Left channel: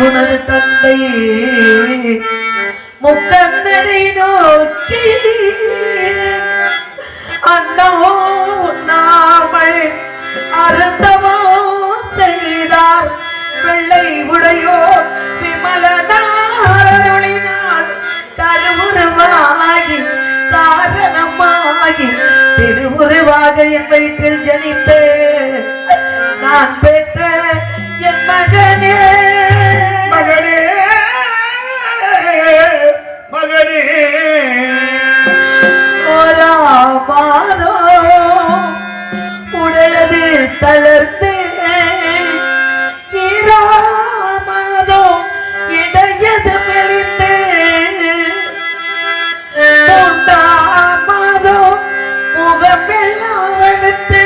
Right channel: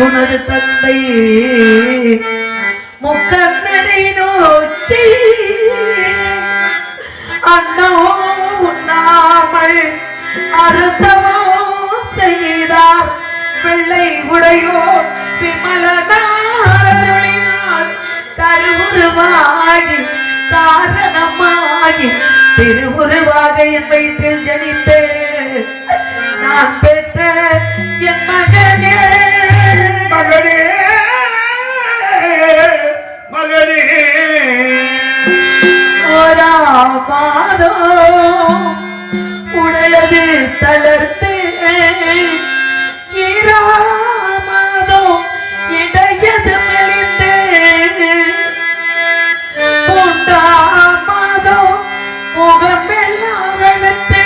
உனது தந்தை முக்கண்ணனை நோக்கி அண்ணோ உண்ணாமல் அறுத்தவோ செய்தார் வெள்ளை உடையோ விமலனாரொழினால் கருவுருவாகி காரணமாகி திருவுருவாக என் வயிற்றில் ஜனித்து நான் பெற்ற என் மகனே மகனே மகனே ஓரா மாதோ உடலது தளர்த்து ஈராமாதோ இடையது மெலிந்து மூன்றாமாதோ முகமெல்லாம் வெளுத்து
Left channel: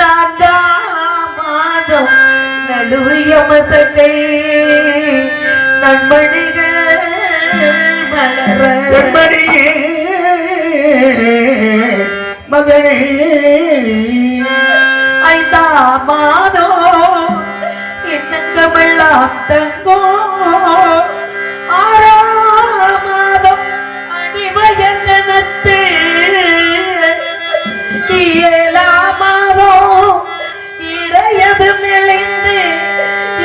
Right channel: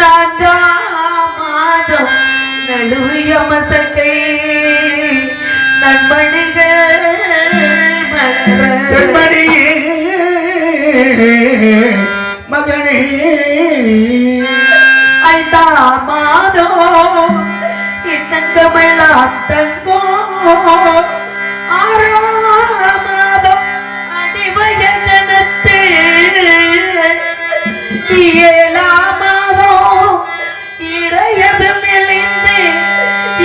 நான்காமாதோ நழுவிய மசக்கை நண்பணிகள் மலரே மகனே ஐந்தாம் மாதோ எண்ணங்கமெல்லாம் தங்கோ ஆறாம் மாதம் அடிவயல் நினைத்து ஏழாம் மாதோ இடையது மெலிந்து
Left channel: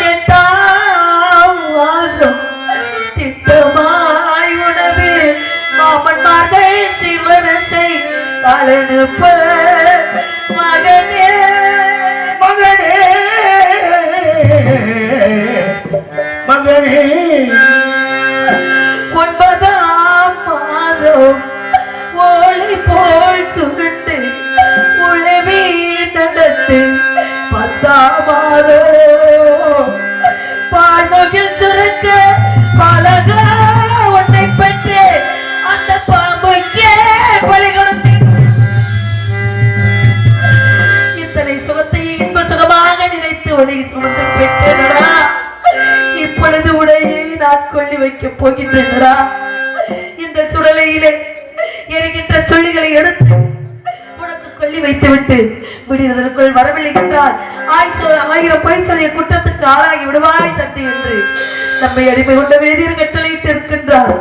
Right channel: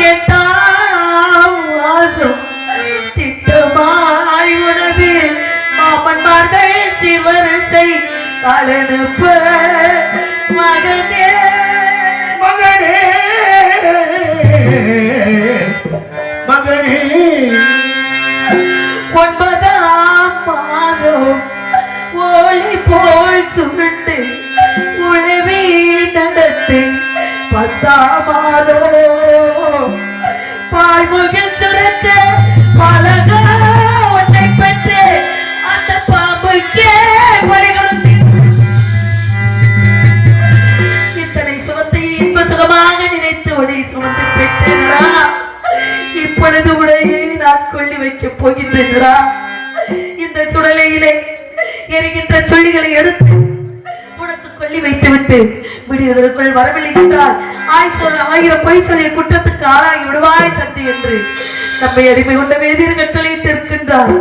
எட்டாம் மாதம் திட்டமாய் உனது மாமன்மார்கள் சிவரிசை காலனுப்ப மகனே மகனே மகனே ஒன்பதாம் மாதம் ஓலை போல் சுருண்டு உழவி நடத்து பத்தாம் மாதம் பால்முகில் சுரக்க பலக உன்னை பற்றி அந்த பாம்புக்கே பலி கொடுத்து இத்தனை சுகத்தை இன்ப சுகமாக நினைத்து உடை சுமந்து பெற்றேனடா. இப்பொழுது உடையை நான் கொள்ளி வைக்கப் போகின்றேனடா. இந்த சுடலையிலே எரிகின்ற சொல்லிகளை எடுத்து உனக்கு கொள்ளி வைத்துவிட்டு விடுவதற்குள் வரவில்லை என்றால் 1000 பொய் சொல்லிய குற்றத்துக்கு ஆளாகி விடுவாய் சக்தி என்று நம்மை அடிமை கொண்ட வேதியர் கட்டளையிட்டு இருக்கின்றார்.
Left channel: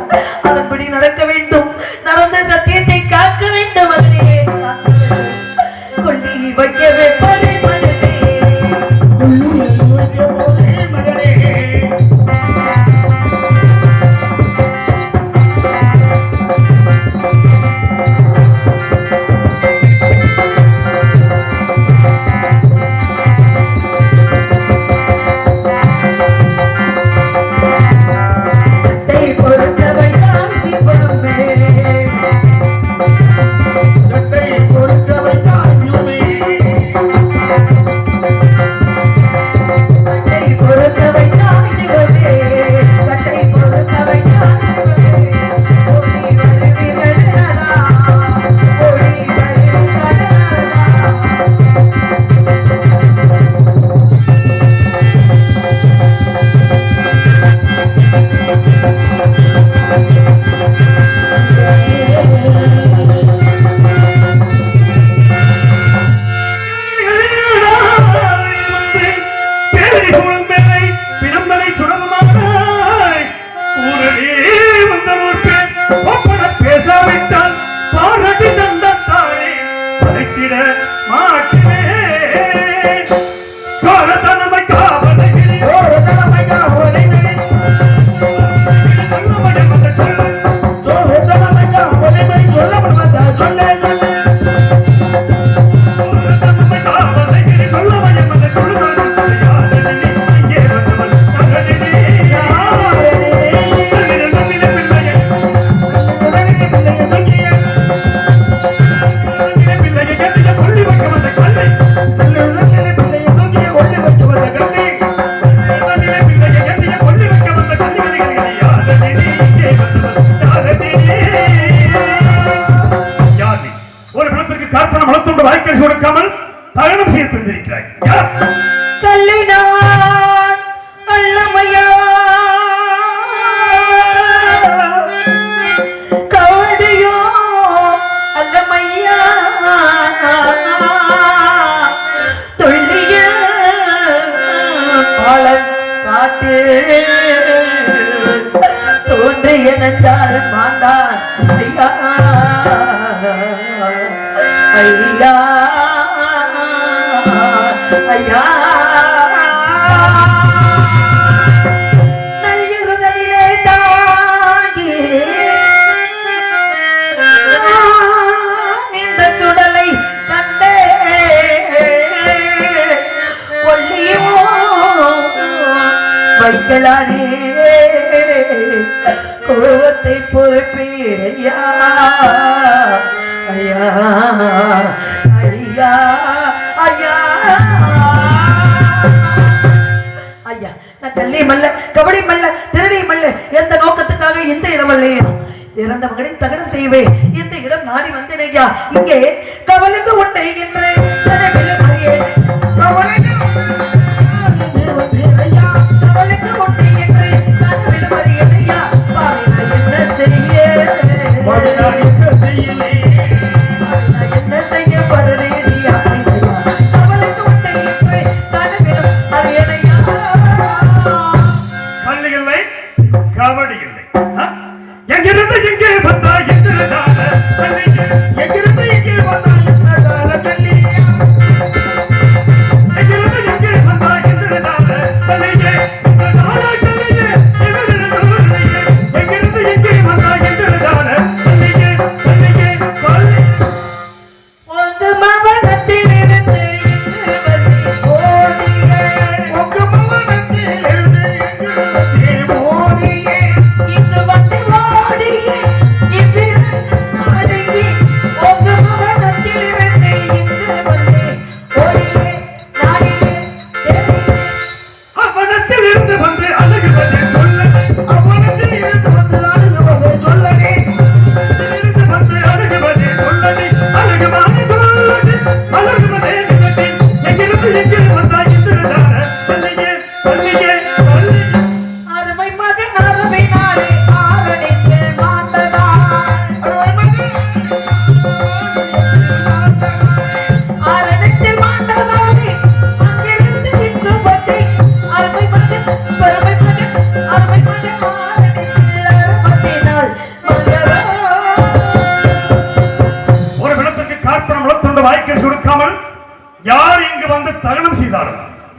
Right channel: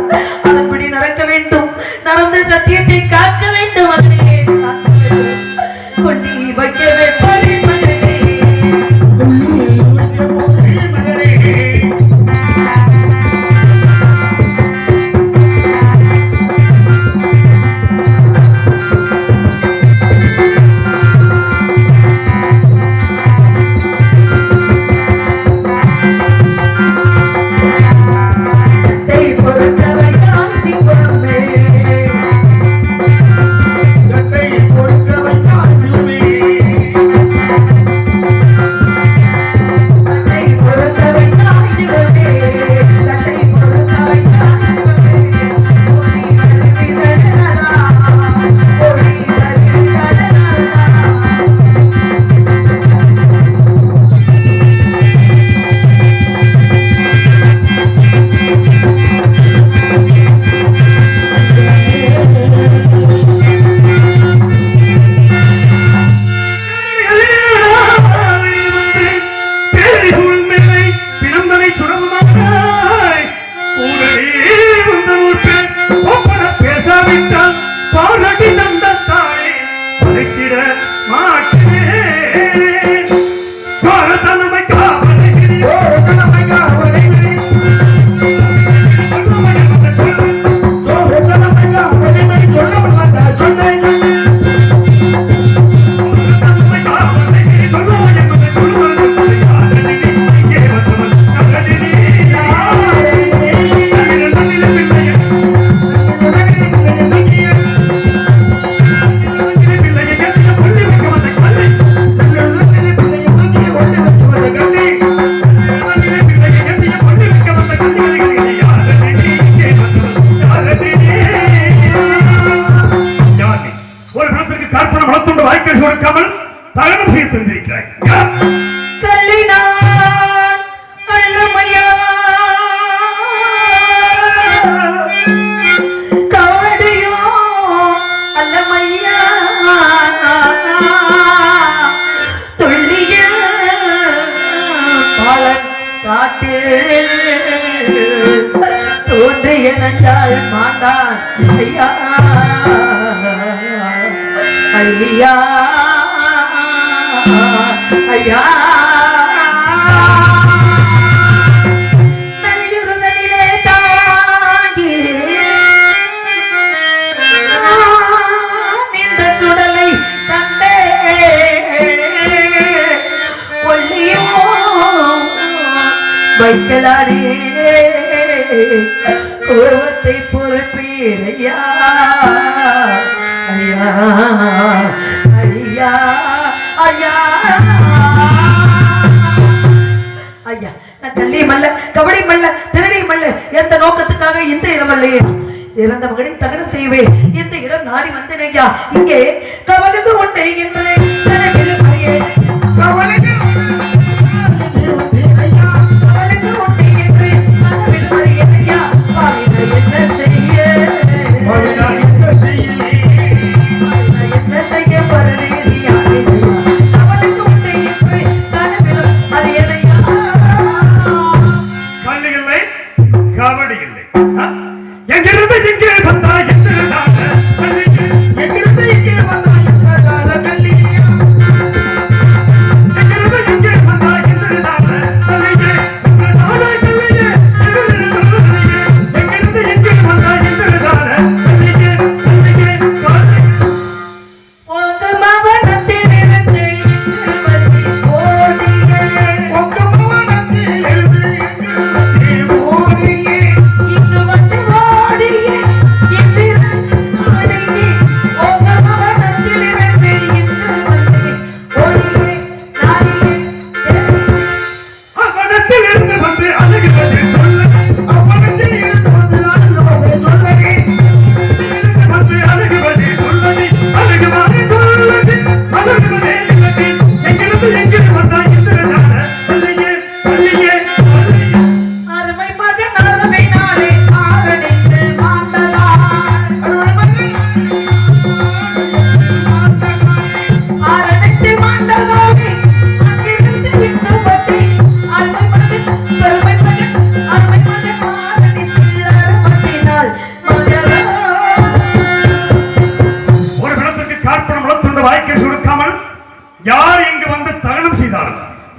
அதன்படி நடக்க வேண்டும். நடந்த சத்தியத்தை காக்க வேண்டும். அதனையே கொண்டி வைக்கவே துள்ளிய பாலன் காட்டு ஐயா ஐயா ஐயா ஐயா ஐயா நான் கல்லியும் அல்ல கபடியும் அல்ல திருடியும் அல்ல எந்த நோக்கத்துக்காக இந்த இடம் அல்லையே இறந்த மகனை தகனம் செய்வேன் இந்த இடம் நாடி வந்தேன் ஐயா இங்கே கவலைந்து கொண்டே என்று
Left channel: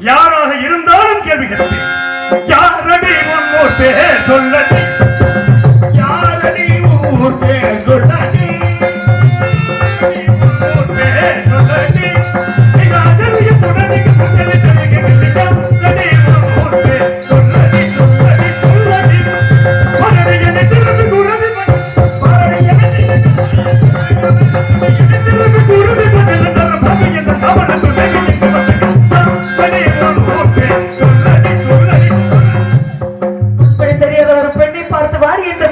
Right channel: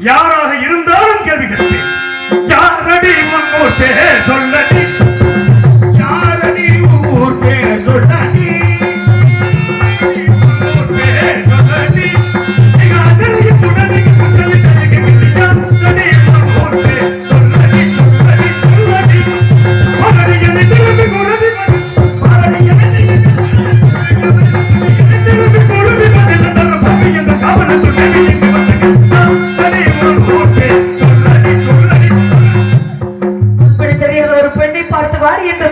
யாராக இருந்தாலும் கேள்வி கேட்பேன். யாரடி உன் பேர் சொல்லடி, யாரடி உன் பேர் சொல்லடி, உன் பேர் சொல்லடி, நீங்க அதற்கு உடனே சொல்லி தருகிறீங்க. யாரடி உன் பேர் சொல்லடி, சொல்லடி சொல்லடி, மரணி என்னை திரும்பி குரடி மரணி என்னை திரும்பி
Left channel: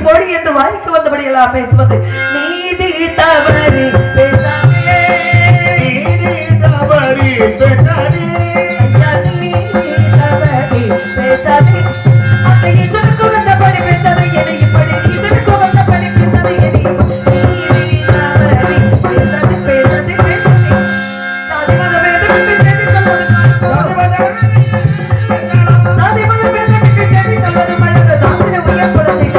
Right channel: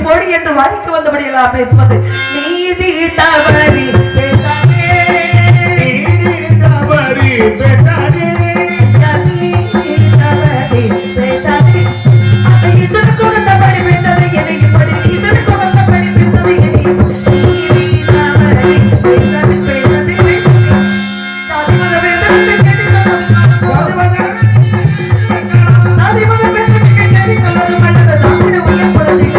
போடி என்று வாய்க்கு வந்தபடியெல்லாம் பேசுவது நீதி தவறி பேசாதே, நீதி தவறி பேசாதே, நீதி தவறி பேசாதே, அந்த இதனுக்கு வந்தபடி பேசாதே, என்னைப்படி இதனுக்கு வந்தபடி பேசாதே, நீதி தவறி பேசாதே, பேசாதே, பேசாதே, சாதி மத பேதம் பேசாதே, சாதி மத பேதம் பேசாதே, சம்மதம் அல்லது தாமிர உயர் குலத்தை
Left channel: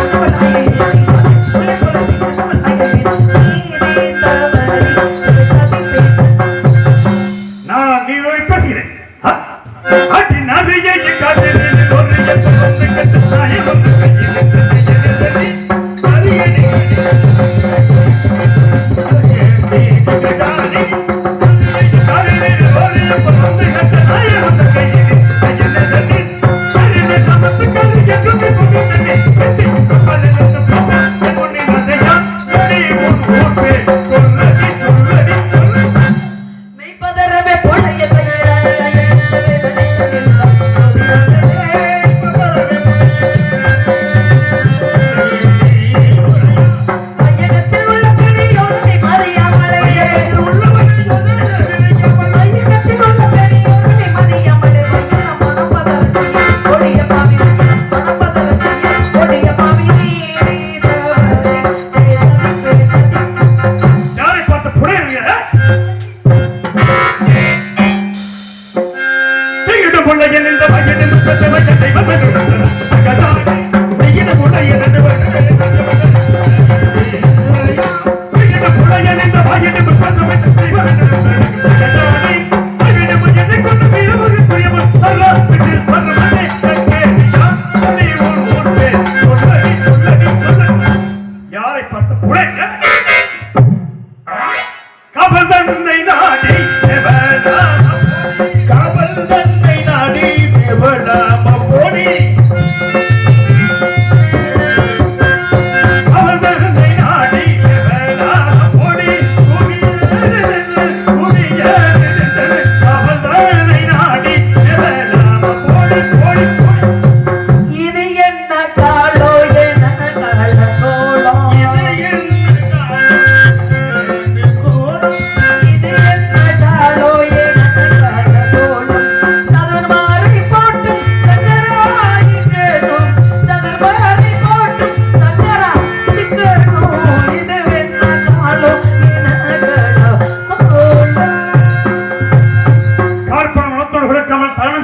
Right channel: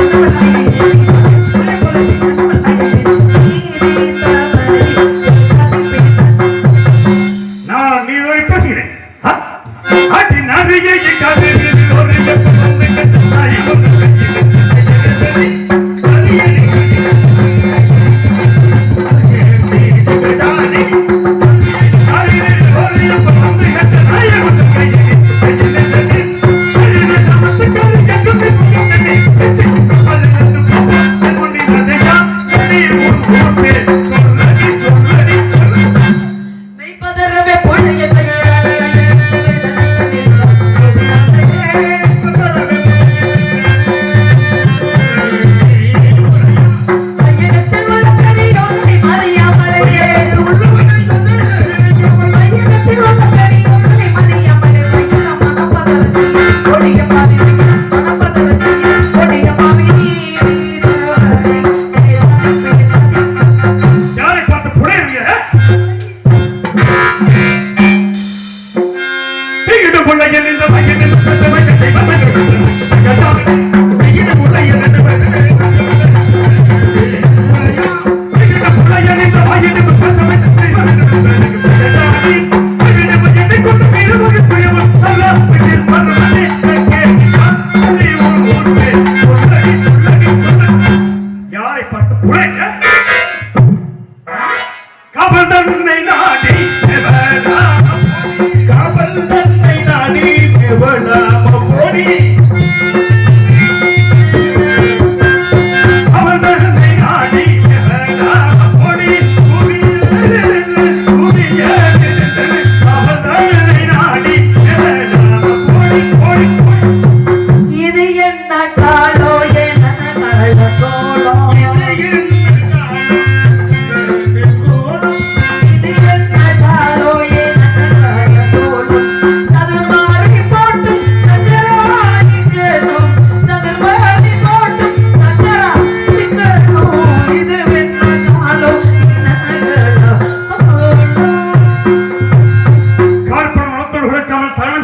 காவல் தன்னை நாடி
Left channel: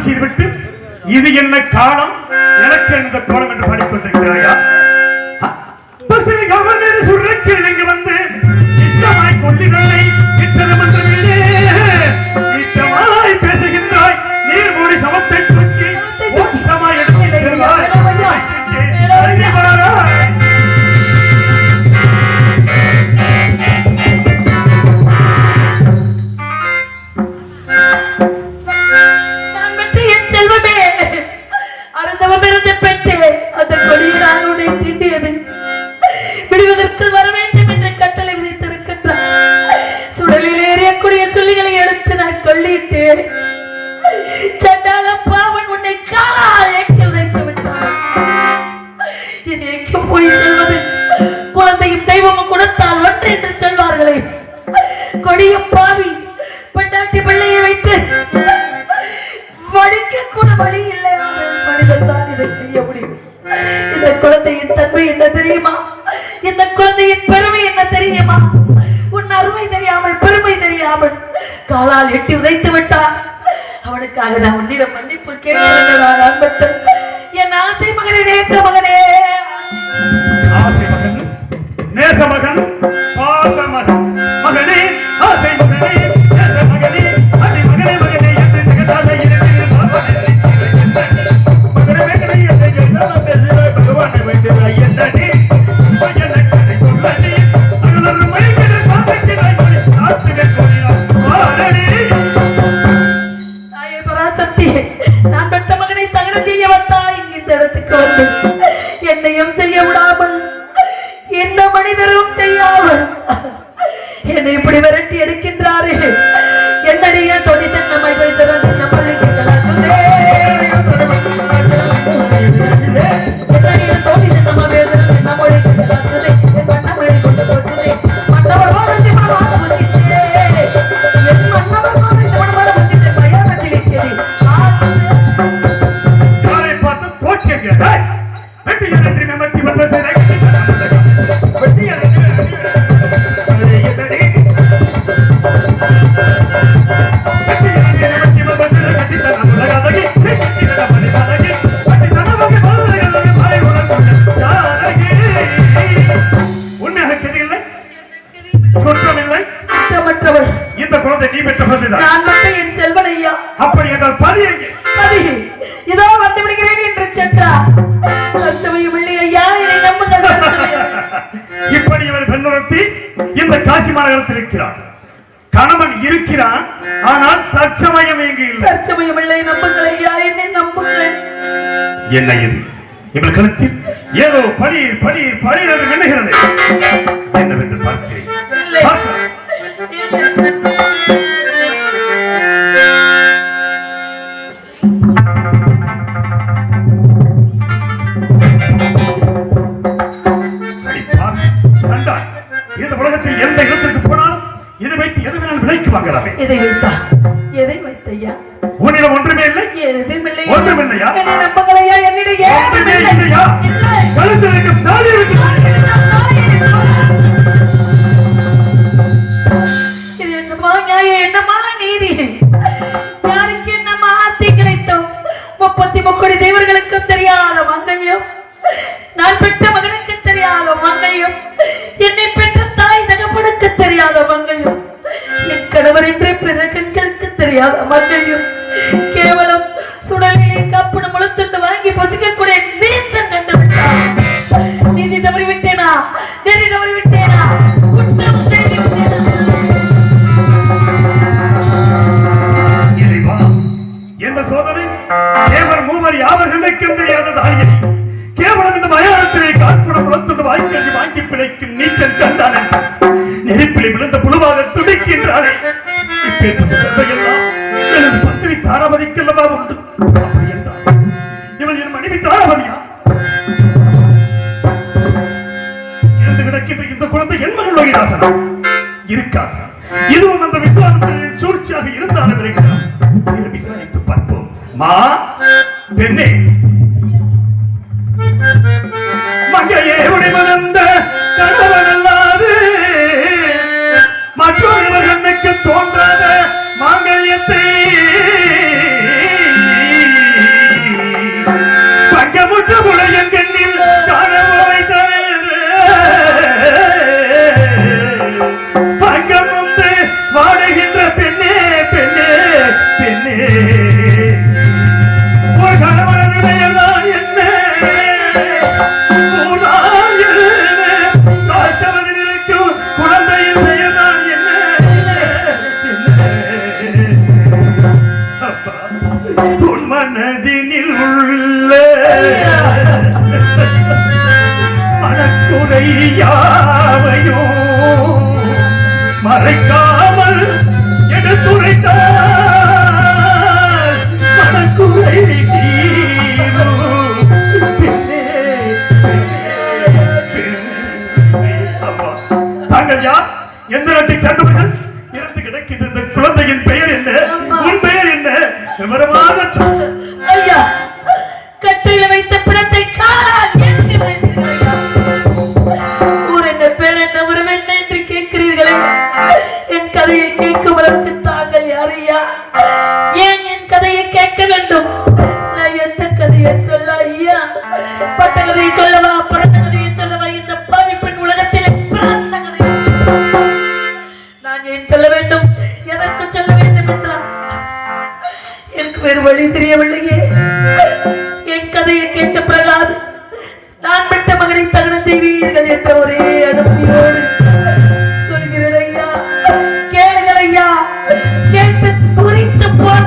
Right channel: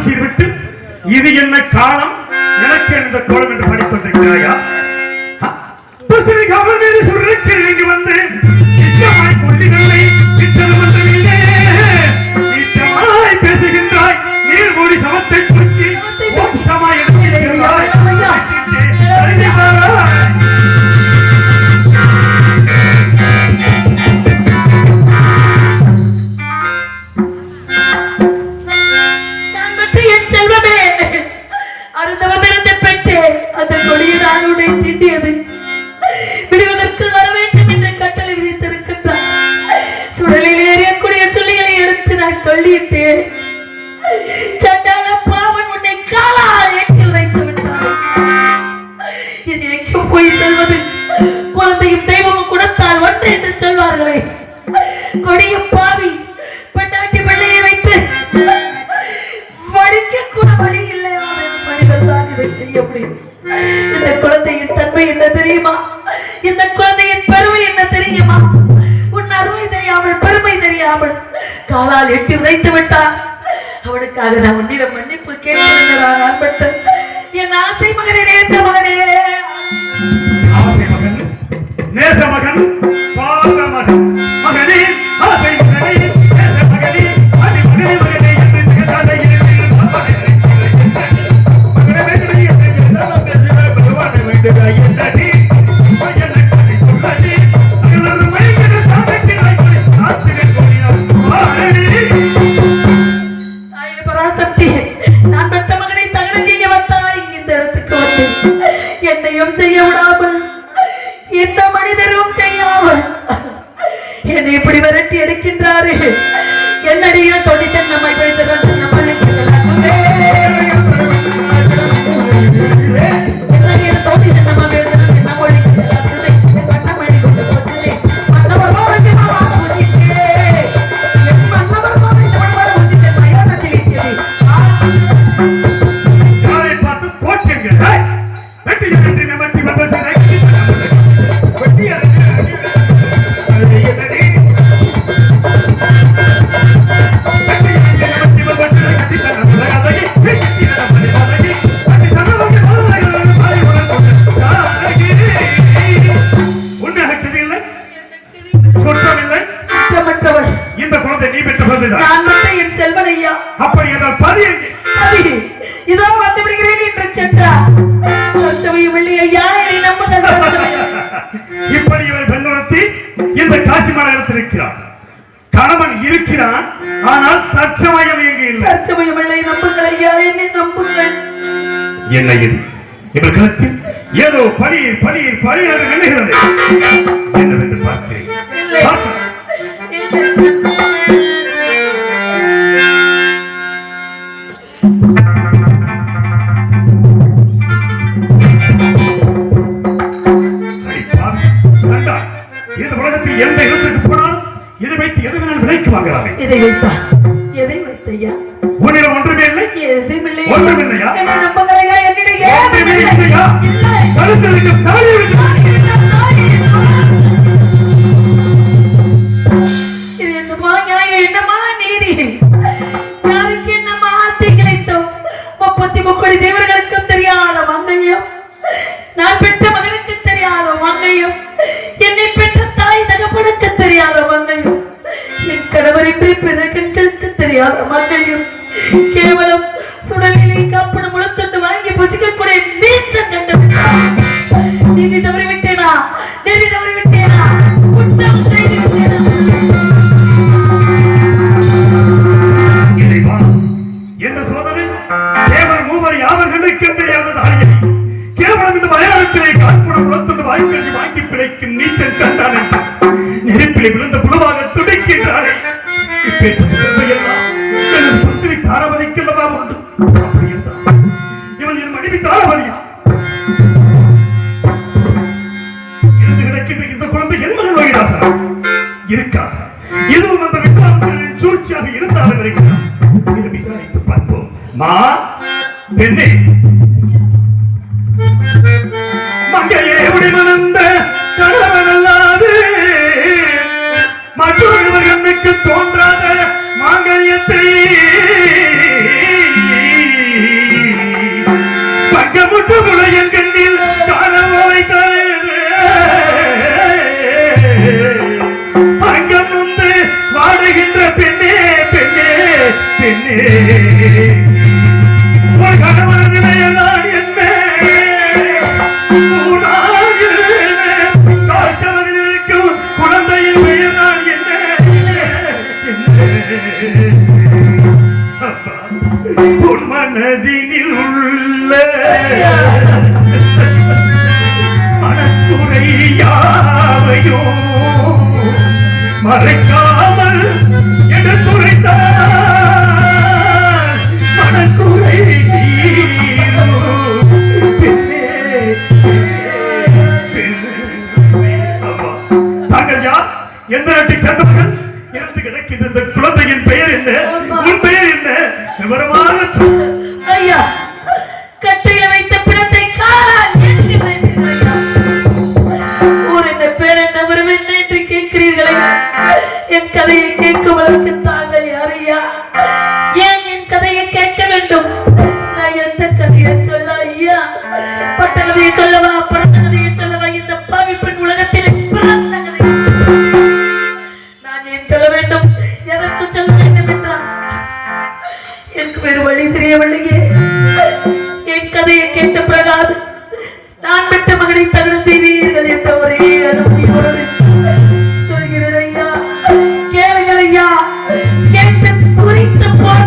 செய்துவிட்டு இது என்ன காலம் எனக்கு இந்த கோலம் என்று படிக்கொண்டிருக்கிறாயா? பசுமை கவர்னர் சுரக்கில் இங்கு வந்து இச்சமாய் கொள்ளிகளை இத்தனை மன்றமில்லே இச்சமாய் பேசுகின்றாய் நீர் மூடி சமத்தை தூக்கி ஓட்டமாய் எடுத்துகிறாய். குழந்தையும் தெய்வமும் கொடுத்தால் ஒன்று என்று சொல்வார்களே, கொடிய பாவி பெண்டாட்டி பிள்ளையை வைத்து வடிக்க கூட வழி இல்லாத மனிதன் தான் இதை செய்ய முடியும். இந்த குழந்தையின் தன்மை என்ன தெரியுமா? இந்த குழந்தையின் பெருமை என்ன தெரியுமா? உன் அருமை தெரியாமல் பெருமை தெரியாமல் காலால் எட்டி உதைத்து விட்டான். அவனுக்காக நான் உன்னிடம் மன்னிப்பு கேட்கிறேன். அன்பட்டன் என் ஆசை மகனே, நேச மகனே, ஆசை மகன், நேச மகன், பாச மகன், மகனே, ஆசை மகனே, நேச மகனே, அடி மகனே, மகனே என்று திகழாத இரவில் மகனே பகவானை வேண்டுவாய் என்னடி மகனை சொல்லடி அருளரு மயக்கிற சாமி நாய் ஆத்துகள் வாழடி. தாயே பராசக்தி, நான் பெற்ற மகனை தகன செய்ய வந்தாய். இந்த இடத்துக்கு வந்து என்னையும் செய்ய விடாமல் எந்த மனிதரும் செய்யாமல் என்னை இப்படி விரட்டி எடுக்கின்றாரே. என்னடிய தொழில் நம்மை வைத்ததான் இந்த குழந்தை நீ பெற்ற குழந்தைதான். நான் மட்டும் என் செல்வன் ஐயா. அப்படி என்றால் பதி பதி இதோ வந்து விடுகிறேன் என்று சென்றார். சத்தவையும் இல்லை ஐயா, என்னை நம்புங்கள். இப்படி இவன் பெண்ணுறத்தி இந்த காசி மாநகரத்தில் இருக்கிறான். கணவன் இருக்கிறான், ஆனால் தற்சமயம் இங்கு இல்லை. தற்சமயம் இல்லை, நம்புங்கள் ஐயா, என்னை நம்புங்கள். என்ன இது? இவர் கழுத்தில் ஏதோ பனீர் பனீர் பனீர் என்று எண்ணுகிறது. என்னவென்று பார்க்கிறேன். இந்த உலகத்தில் எந்த இடத்திற்கு போனாலும் இதை வைத்து எதுவும் நான் விலைக்கு வாங்குறாங்க. இதை வைத்தா எதை வைத்தையா? உன்னிடம் ஒன்றுமே இல்லை. எதுவுமில்லை. ஒன்றுமில்லையா? என்னை நம்புங்களையா? என்னிடம் ஒன்றுமே இல்லையா? கழுத்திற்கு தாலி வைத்து என்னமா நீதி? யாருக்கு என்னமா ஆத்தி கிடைத்தோம்? 33 தேவர்களுக்கும் தெரியாத மங்கையும், நான் பெற்ற மகனுக்கு தெரியாத மங்கையும், என்னை பெற்ற தாய் தகப்பனுக்கு தெரியாத மங்கையும், என் கணவர் என்று பிற கண்களுக்கு தெரியாத மங்கையும், கேவலம் சுடலிலே கப்படு முழுத்துண்டு வாங்கி பசிக்கக்கூடிய நீசன் கண்டுவிட்டான். நீதி தவறிவிட்டேனா? நீதி தவறிவிட்டேனா? குற்றம் செய்துவிட்டேனா? என்ன சோதனை? கேவல மூவர் யாவர்களுக்கு தெரியாத தாயை கேவலம் இந்த மயானத்திலே காற்புடம் உளத்துண்டு வாய்க்கல்வி வாங்கி பிழைக்கும் நீச்சல் கண்டான் என்றார். நெருப்பிலே விழுந்த புழுவாக துடிக்கின்றானே. எனது பத்திரி தாராபதிக்கு அல்லவா உண்டு. அப்படி என்றார். இவன் என் மனைவி தாராபதியா? இருந்து கிடக்கின்ற இந்த குழந்தை என் மகன் லோகிதாசனா? இருக்காது. இதுவும் அந்த விசுவாசத்தின் சூழ்ச்சியாக இருந்தாலும் இதை விசாரித்து பார்ப்போம். மா பெண்ணே, மங்கையே உடைமணந்த கணவன் அல்லாது மற்றொரு மகனுக்கு தோன்றாத மாங்கல்யத்தை ஒரு கணவனது பெயர்தான் என்ன காய்ச்சலில் இருக்கும் குழந்தையின் பெயர்தான் என்ன உன் மனதினில் உள்ள மனக்குறை யாவையும் மறைக்காமல் எடுத்துரைத்தால் மனக்குறை தீரும். அப்பா, தாங்கள் யார்? எந்த நாட்டை சேர்ந்தவர்கள்? இறந்து கிடக்கின்ற இந்த குழந்தையின் பெயர் என்ன? உன் பெயர் என்ன? விவரமாக சொல். ஐயா, கட்டையில வைத்த பிணத்தை காலால் எட்டி வைத்தீர்கள் ஐயா. ஊர் என்ன, பேர் என்ன, உறவு என்ன என்று கேட்கிறீர்களே. என் கதையை கேட்கும் அளவுக்கு தாங்கள் யார் ஐயா? ஏன் என் கதையை கேட்க வேண்டும்? நான் எந்த கதையை சொல்ல ஐயா? பட்ட கதையை சொல்லவா, பிறந்த கதையை சொல்லவா? இந்த பாவி பெண் உலகத்திலே பிறந்த கதை நான் ஏன் சொல்ல வேண்டும்? எதற்கு சொல்ல வேண்டும் என்றால் எனக்கு வேறு வழி தெரியவில்லையே. என் கதையை கேட்ட பிறகாது நான் பெற்ற மகனை தகனம் செய்வீர்கள் என்ற ஒரே